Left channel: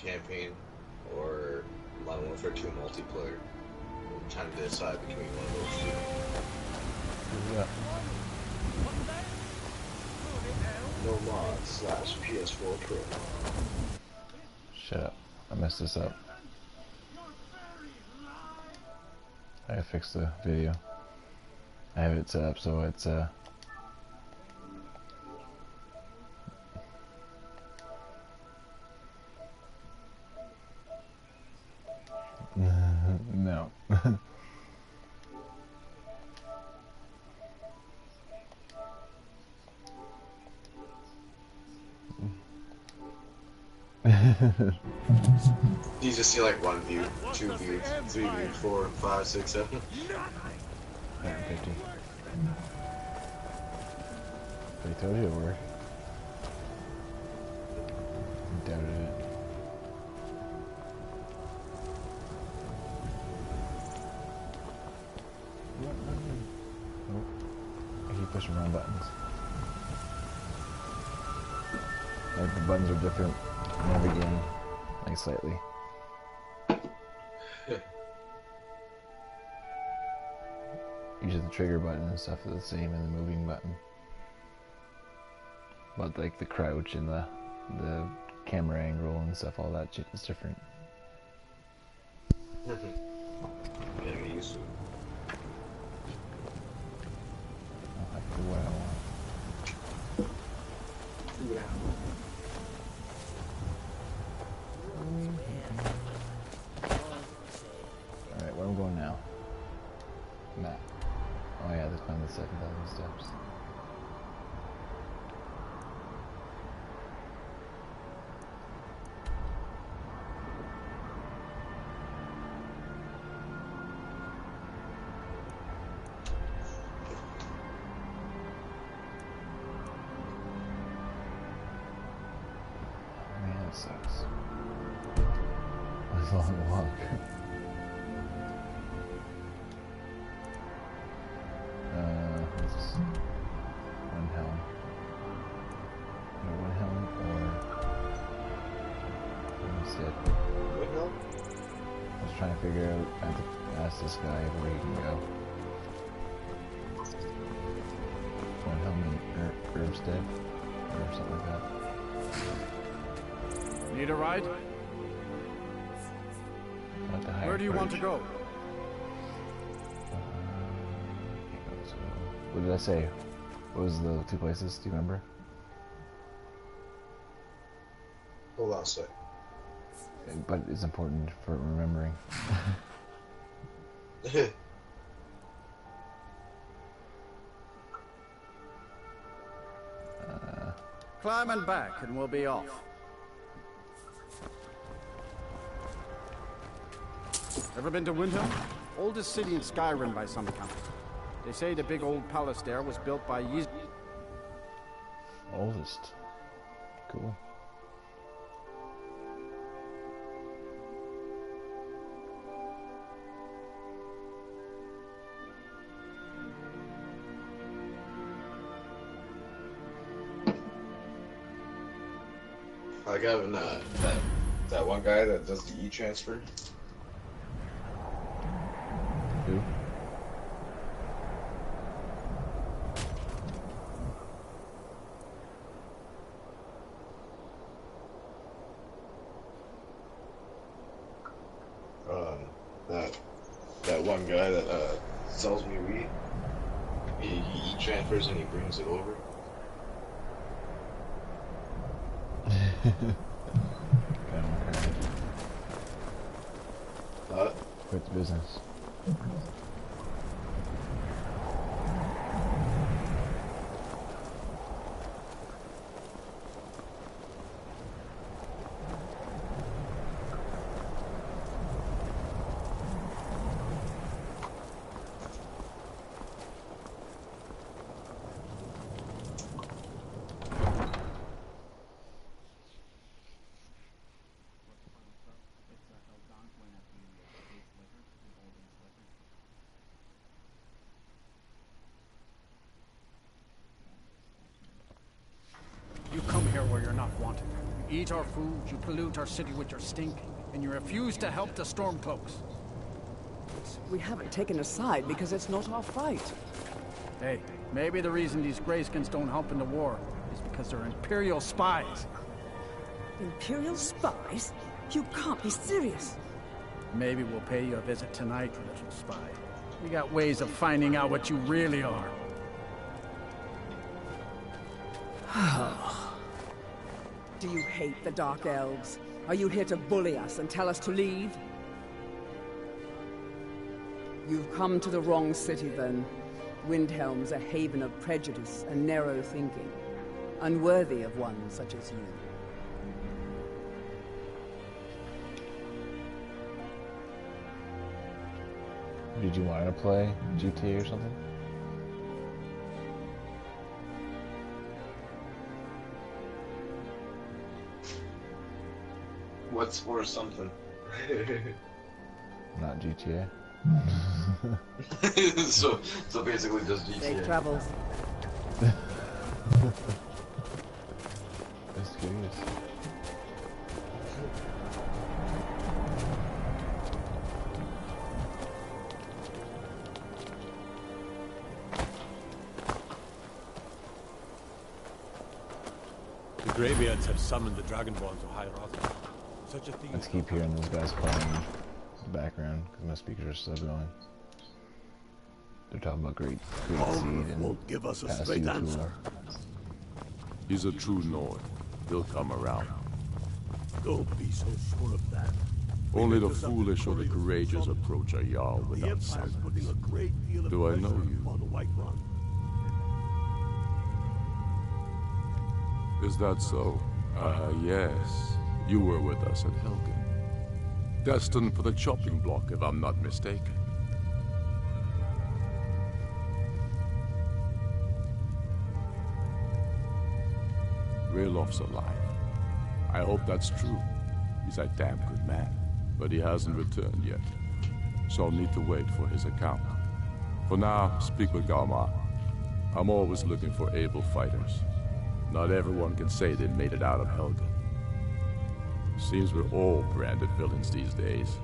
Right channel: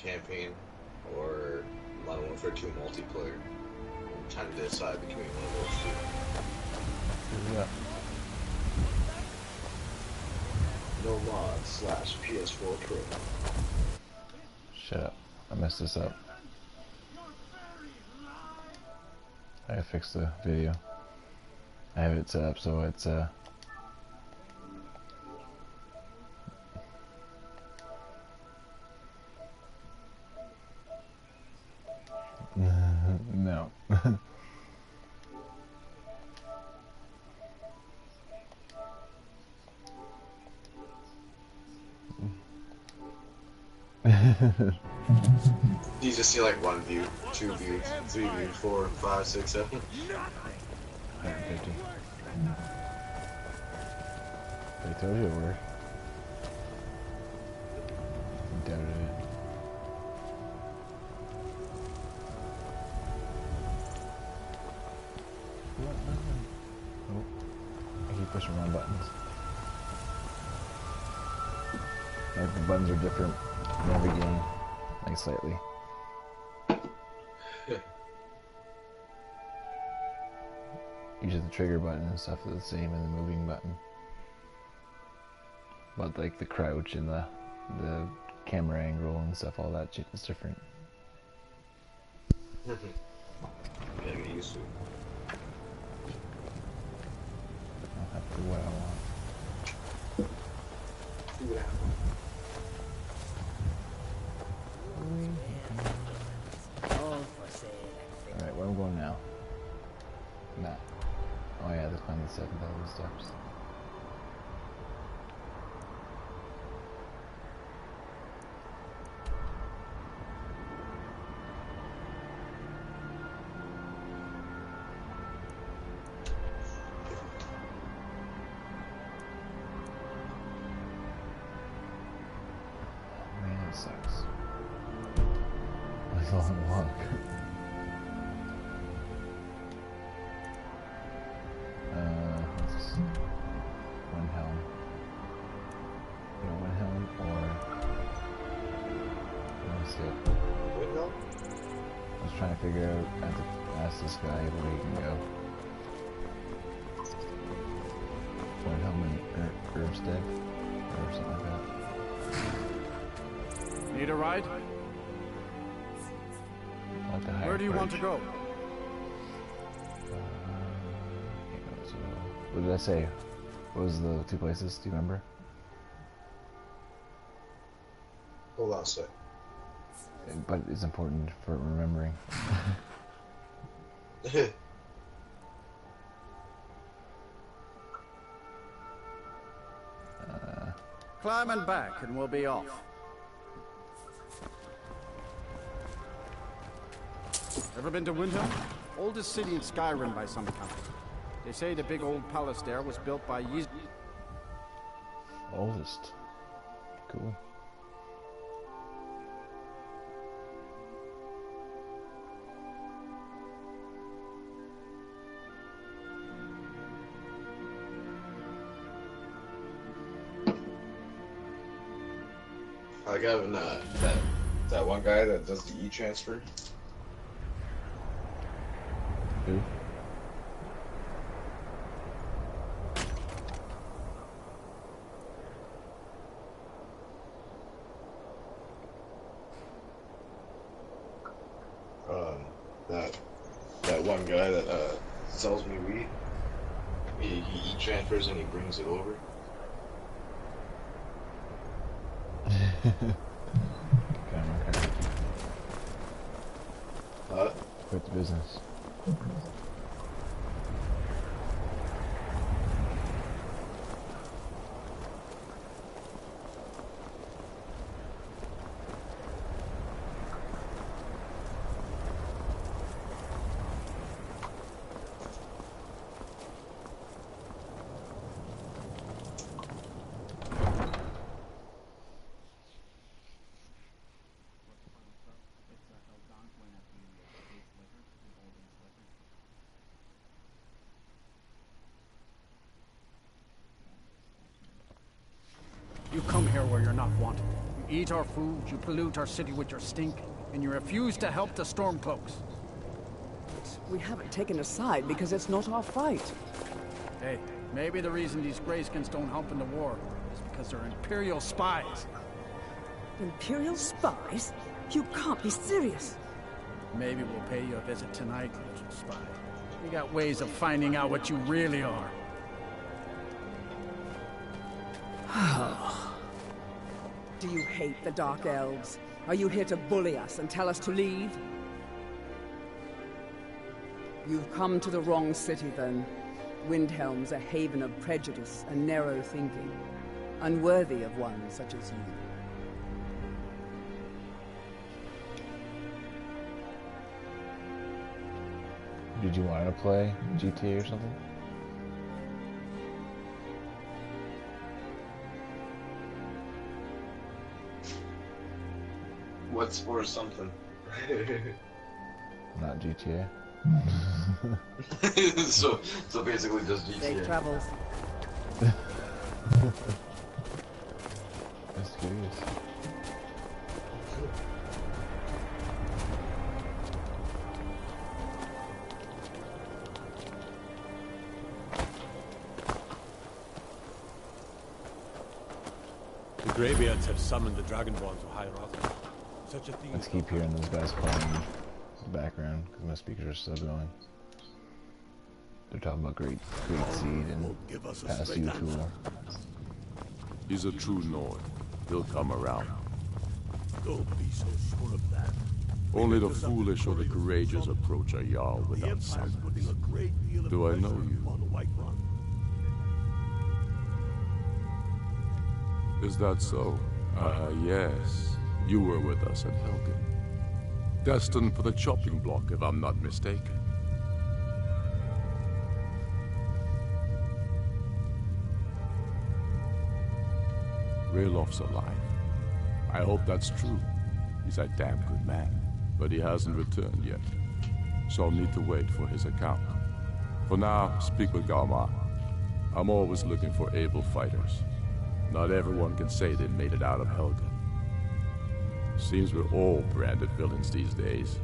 campaign or Modern Warfare 2 multiplayer. I'm trying to decide between one of those two. Yeah. No mod / PS4 Pro. Shut up. I messed this up. I gotta fix the video. I have it set up so it's no. You just see like 1 view, 2 views, 3 views, 4, 5, 6, 7. 150. They told you it worked. Doubted it. Oh, I keep pushing wrong buttons. Like the buttons are different in every game, like slightly. Usually the trigger button and stuff is the same and the moving button. But like the crouch and the camera angle and stuff, all that shit is different. Gotta get used to it. I'll have to do what I want. Do what I want. Alright, where am I going now? Map. Oh yeah, to climb the 7,000 steps. Oh man, that sucks. That's a long walk. Let's one helm. One helm or instead. What helm? I was trying to figure out. I have to ask this guy where he can go. One helm in Herbstead or something like that. Need a ride? Like the higher Where do you want to perch. go? Can't go so. What did I say? What was the 2 places? Do you remember? Hold on a sec. But it's important for remembering. Climb and back and we'll be off. Ever been to Windhelm? Oldest city in Skyrim by some count. They say the big old palace there was built by Oldest. Cool. I got that one guy that does the e-transfer. Who? That one guy that sells me weed. He e-transfers and he brings it over. Okay. Quit the business. You come here where you're not wanted. eat our food, you pollute our city with your stink, and you refuse to help the Stormcloaks. We haven't taken a side because it's not our fight. Hey, maybe the reason these Greyskins don't help in the war is because they're Imperial spies. Imperial spies? You can't be serious. Maybe we'll pay you a visit tonight, little spy. We got ways of finding out what you really are. Do you hate the Dark Elves? Are you here to bully us and tell us to leave? You've come to the wrong city, then. Windhelm's a haven of prejudice and narrow thinking, unworthy of one such as you. Did you want to play GTA or something? What's for something? Not GTA. so basically just GTA. Safe travels. Just curious. The Greybeards have summoned the Dragonborn to High Rock. Such a thing. Let's keep hearing those guys playing in the background because my speakers are still going. They're talking about great seed and Give us a pass straight you answer. cooler. He's a true Nord. He'll come around. Don't be so sure of that. Only the foolish or the courageous approach a Jarl The without Empire's summons. putting a great deal of Do I know pressure you? on the White Run. Is that so? Yes. You were with us at Helgen. Destined for the chopping block, if I'm not mistaken. Raylof's alive. I hope that's true. He's a damn good man. But he hasn't returned yet. So I'll need to wait for his account. For now, speak with Galmar. I'm always looking for able fighters. Not everyone can say they made it out of Helgen. Seems we're all branded villains these days.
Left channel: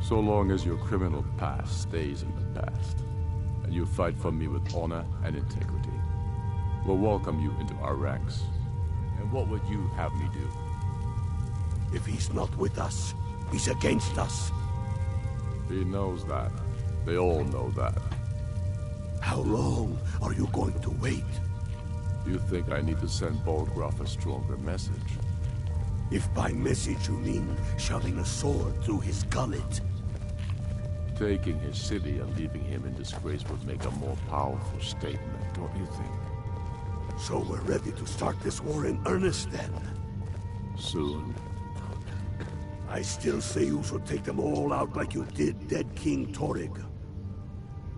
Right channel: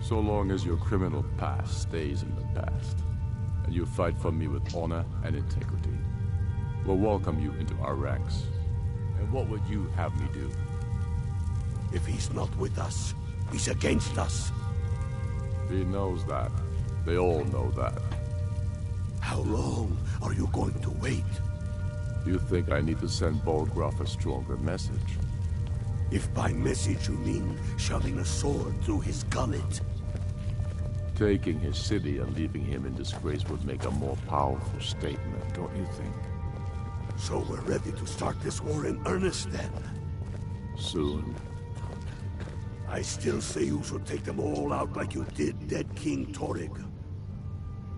So long as your criminal past stays in the past, and you fight for me with honor and integrity, we'll welcome you into our ranks. And what would you have me do? If he's not with us, he's against us. He knows that. They all know that. How long are you going to wait? You think I need to send Bolgraf a stronger message? If by message you mean shoving a sword through his gullet. Taking his city and leaving him in disgrace would make a more powerful statement, don't you think? So we're ready to start this war in earnest then. Soon. I still say you should take them all out like you did dead King Torrig.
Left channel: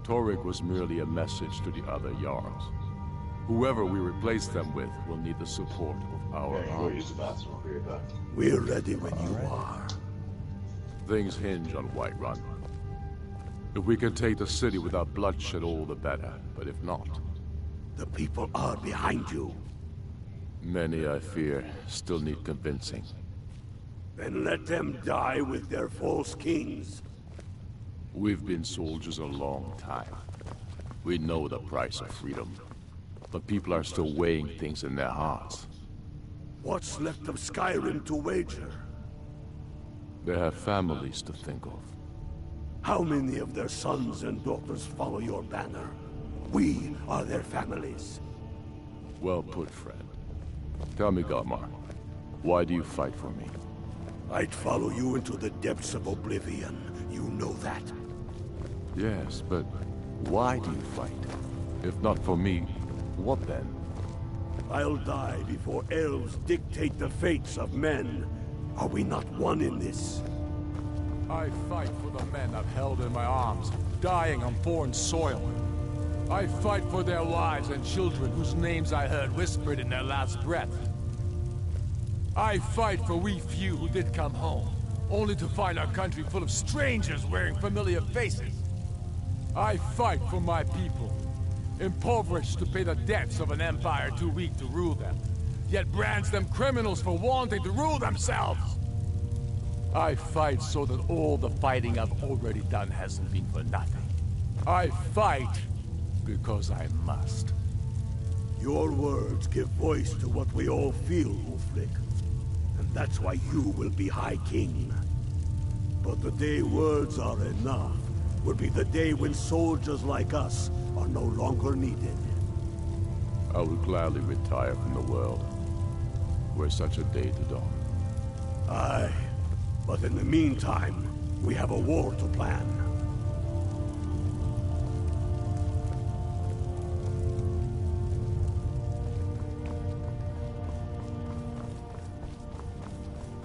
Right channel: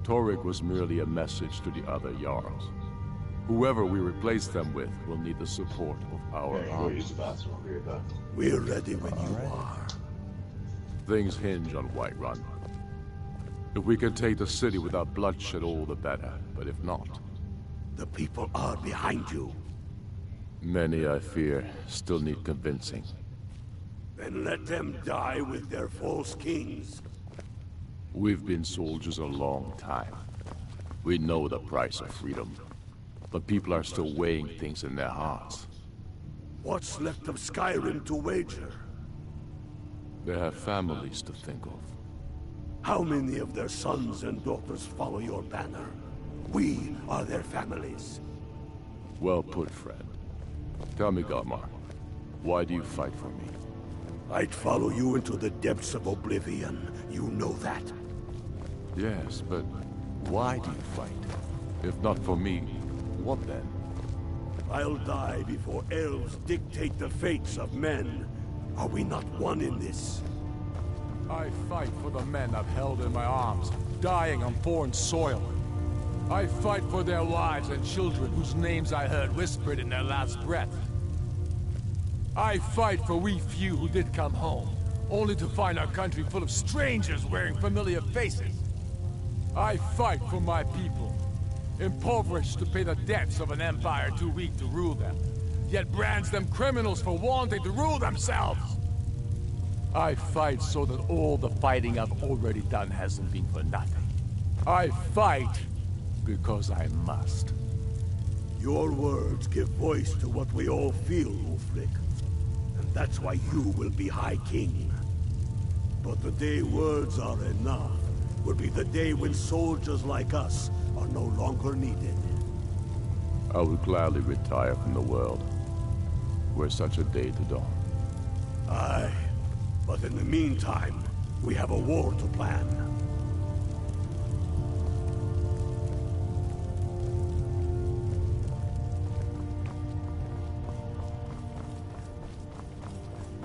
Torrig was merely a message to the other Jarls. Whoever we replace them with will need the support of our Go army. use the bathroom. I'll be right back. We're ready when you are. Things hinge on Whiterun. If we can take the city without bloodshed, all the better. But if not, The people are behind you. many, I fear, still need convincing. Then let them die with their false kings. We've been soldiers a long time. We know the price of freedom. But people are still weighing things in their hearts. What's left of Skyrim to wager? They have families to think of. How many of their sons and daughters follow your banner? We are their families. Well put, friend. Tell me, Galmar, why do you fight for me? I'd follow you into the depths of oblivion. You know that. Yes, but why do you fight? If not for me, what then? I'll die before elves dictate the fates of men. Are we not one in this? I fight for the men I've held in my arms, dying on foreign soil. I fight for their wives and children whose names I heard whispered in their last breath. I fight for we few who did come home, only to find our country full of strangers wearing familiar faces. I fight for my people, impoverished to pay the debts of an empire too weak to rule them, yet brands them criminals for wanting to rule themselves. I fight so that all the fighting I've already done hasn't been for nothing. I fight because I must. Your words give voice to what we all feel, Ulfric. And that's why you will be High King. But the day words are enough will be the day when soldiers like us are no longer needed. I would gladly retire from the world, were such a day to dawn. Aye, but in the meantime, we have a war to plan.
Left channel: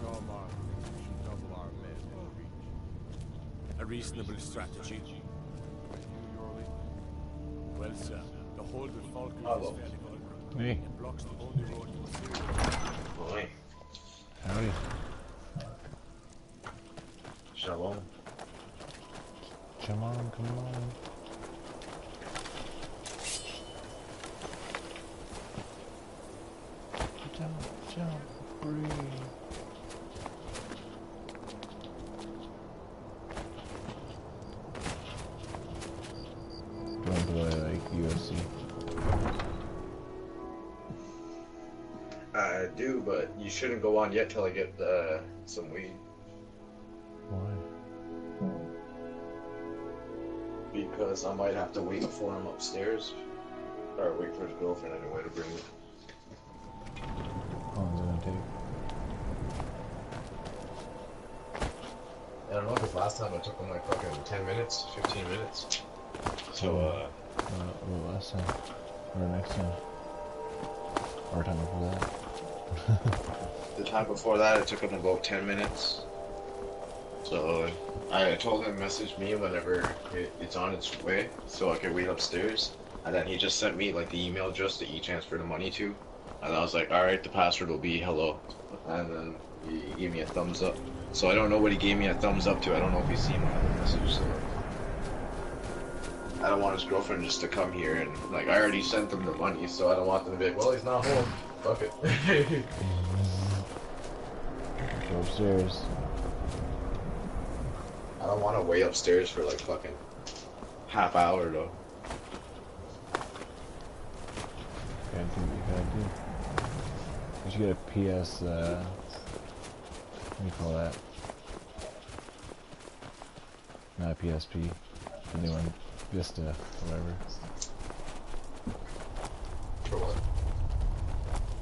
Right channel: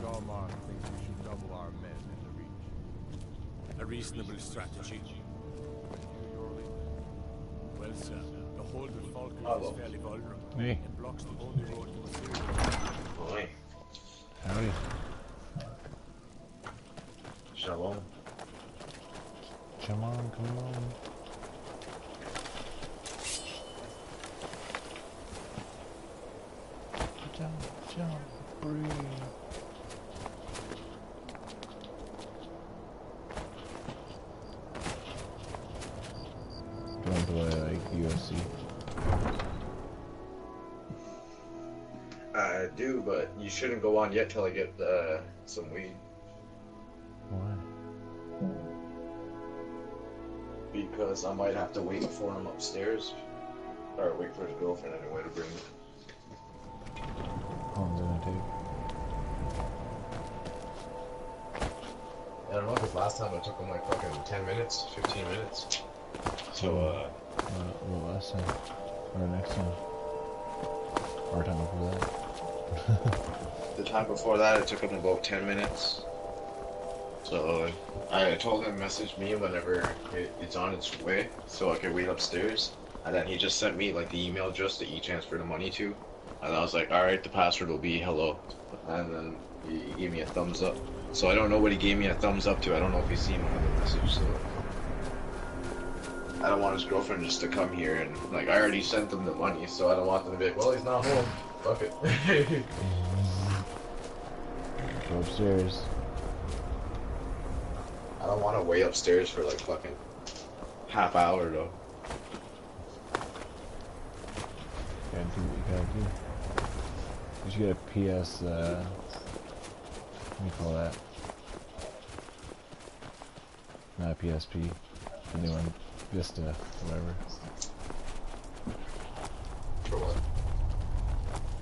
Garmar thinks we should double our men in the reach. A reasonable strategy. Well, sir, the hold with Falkland Hello. is fairly vulnerable. Hey. It blocks the only road to Assyria. Boy. Howdy. Shalom. Come on, come on. Jump, jump, breathe. Do you want to play like UFC? I do, but you shouldn't go on yet till I get some weed. Why? Because I might have to wait for him upstairs. Or wait for his girlfriend anyway to bring it. How long is it gonna take? I don't know, because last time it took him like fucking 10 minutes, 15 minutes. So, What last time? Or next time? Or time before that? the time before that it took him about 10 minutes. So, I told him message me whenever it's on its way, so I could wait upstairs. And then he just sent me like the email address that he transferred the money to. And I was like, alright, the password will be hello. And then he gave me a thumbs up. So I don't know what he gave me a thumbs up to. I don't know if he's seen my other message, so I don't want his girlfriend just to come here and like I already sent them the money, so I don't want them to be like, well, he's not home. Fuck it. Go upstairs. I don't want to wait upstairs for like fucking half hour though. You gotta do what you gotta do. You should get a PS, what do you call that? Not a PSP. The new one. Vista, whatever. For what?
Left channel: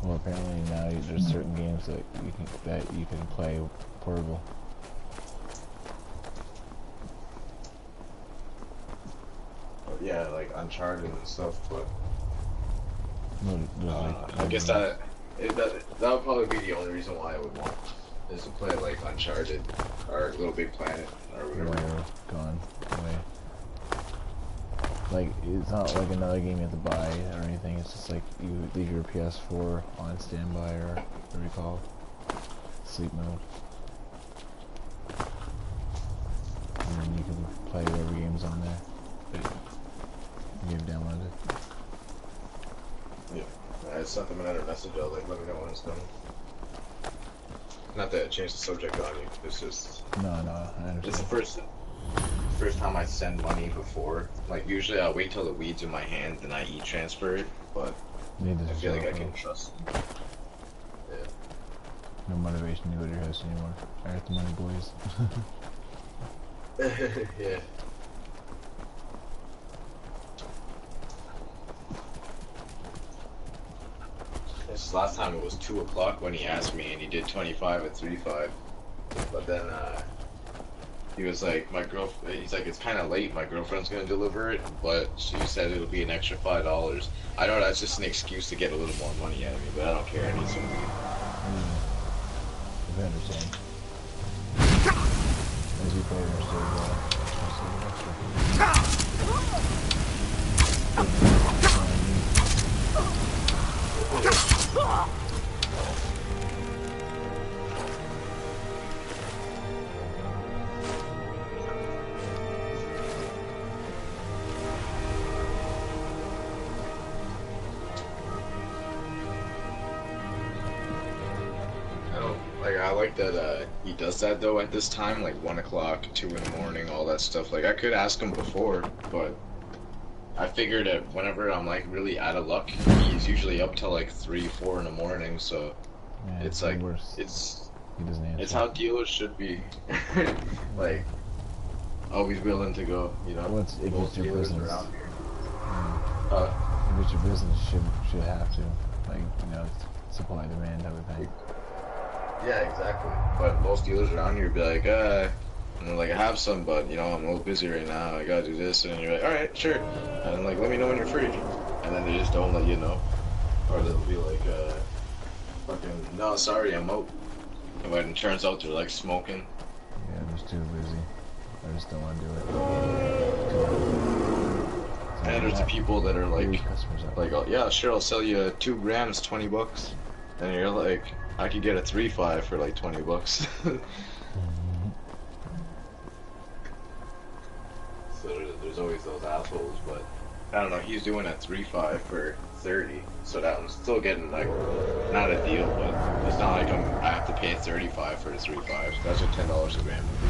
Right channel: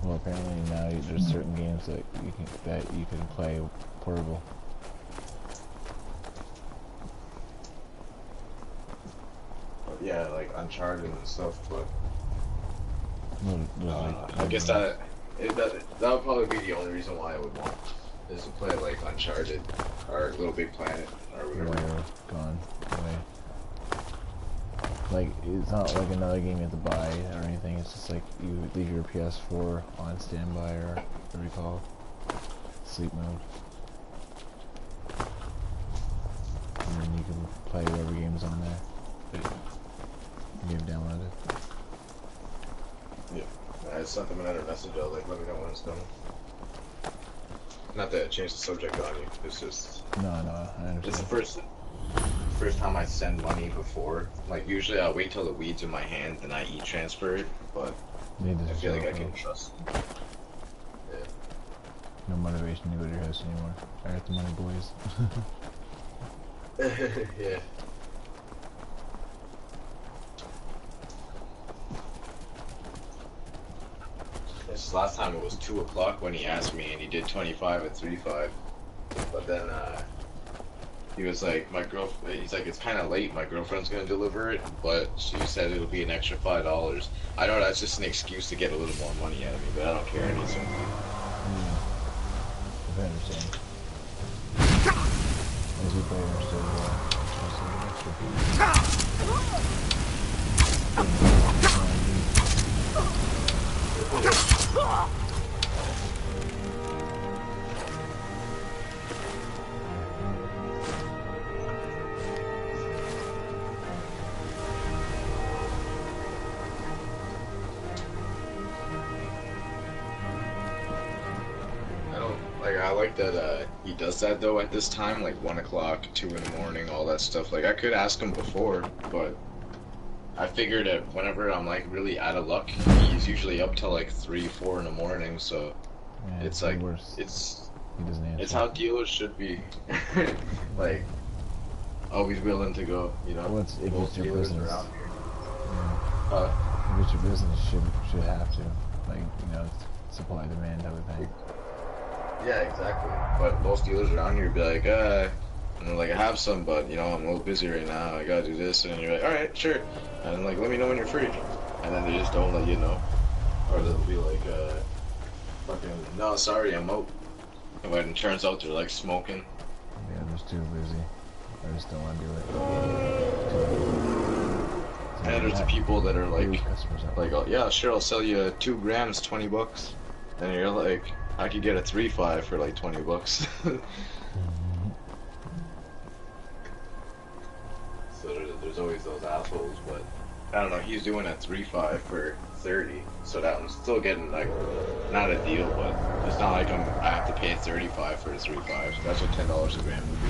Well, apparently now there's certain games that you can play portable. Yeah, like Uncharted and stuff, but Like, I guess that would probably be the only reason why I would want is to play like Uncharted or Little Big Planet or whatever. Whatever, gone away. Like, it's not like another game you have to buy or anything, it's just like you leave your PS4 on standby or what do you call it? Sleep mode. And then you can play whatever game's on there. You've downloaded. Yeah, I sent them another message. I was like, let me know when it's done. Not that it changed the subject on you. It's just No, I understand. it's the first time I send money before. Like usually I wait till the weed's in my hand and I e-transfer it, but I feel like I can trust. Yeah. No motivation to go to your house anymore. I got the money, boys. Yeah. This last time it was 2 o'clock when he asked me, and he did 25 at 3.5. But then he was like, he's like, it's kind of late. My girlfriend's gonna deliver it, but she said it'll be an extra $5. I know that's just an excuse to get a little more money out of me, but I don't care. I need some weed. I understand. As you play, understood I like that he does that though at this time, like 1 o'clock, 2 in the morning, all that stuff. Like I could ask him before, but I figured that whenever I'm like really out of luck, he's usually up till like 3, 4 in the morning. So Yeah, it's like worse. it's He doesn't answer. it's how dealers should be. Like always willing to go, you know. Well, if Most it's your dealers business. around here. Yeah. If it's your business, you should have to, like, you know, supply demand type of thing. Yeah, exactly. But most dealers around here be like, you know, like I have some, but you know, I'm a little busy right now. I gotta do this, and you're like, all right, sure. And like, let me know when you're free. And then they just don't let you know, or they'll be like, fucking, no, sorry, I'm out. But it turns out they're like smoking. Yeah, I'm just too busy. I just don't want to do it. And there's the people that are like, customers out. oh, yeah, sure, I'll sell you 2 grams, $20. And you're like, I could get a 3.5 for like $20. So there's always those assholes, but I don't know. He's doing a 3.5 for 30, so that I'm still getting like not a deal, but it's not like I have to pay 35 for the 3.5. So that's what $10 a gram would be.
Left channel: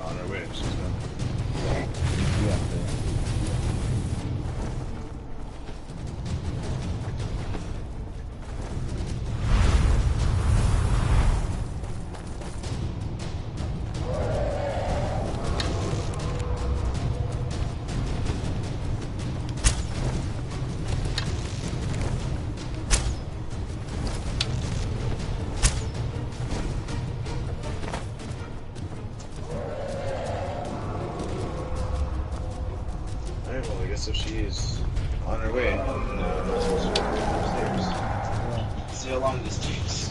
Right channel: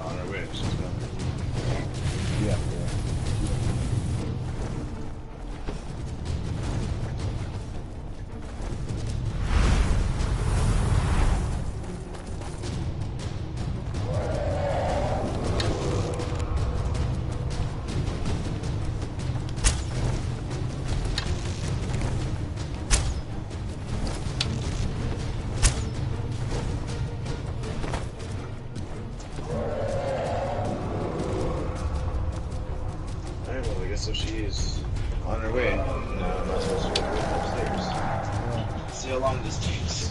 On our way, she's coming. Yeah, there. So she's on her way. I'm not supposed to go upstairs. Yeah. See how long this takes.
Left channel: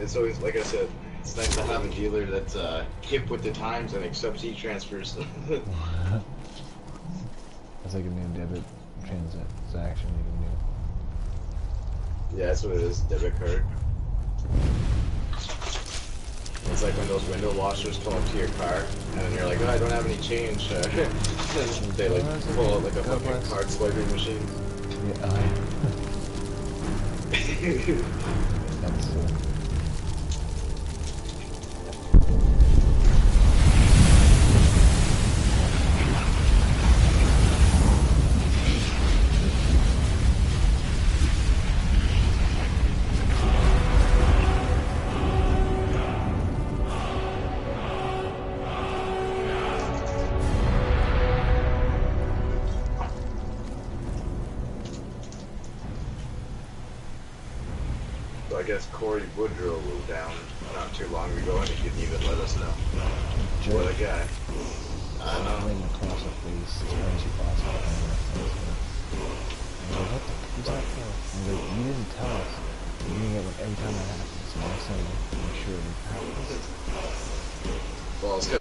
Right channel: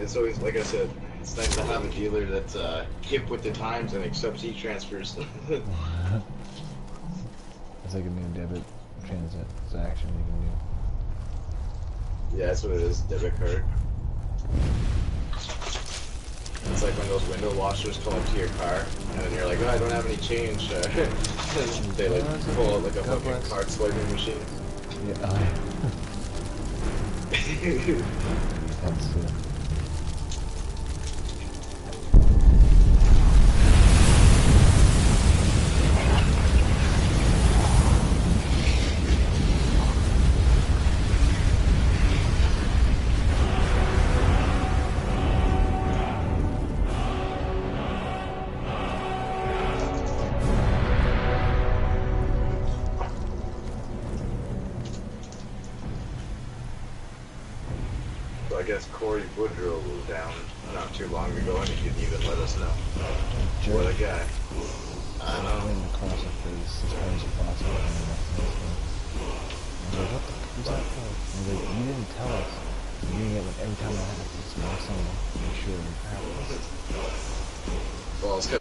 It's always like I said, it's nice to have a dealer that's hip with the times and accepts e-transfers. It's like a new debit transaction you can do. Yeah, that's what it is, debit card. It's like when those window washers come up to your car, and then you're like, oh, I don't have any change. And they like pull out like a fucking card swiping machine. Yeah, oh yeah. That's I guess Corey Woodrow was down not too long ago, and he didn't even let us know. What a guy. I know. Right across the face as hard as possible. And I was like, what the fuck is that for? And I was like, you didn't tell us. You're doing it every time that happens. So next time, make sure it happens. Well, it's because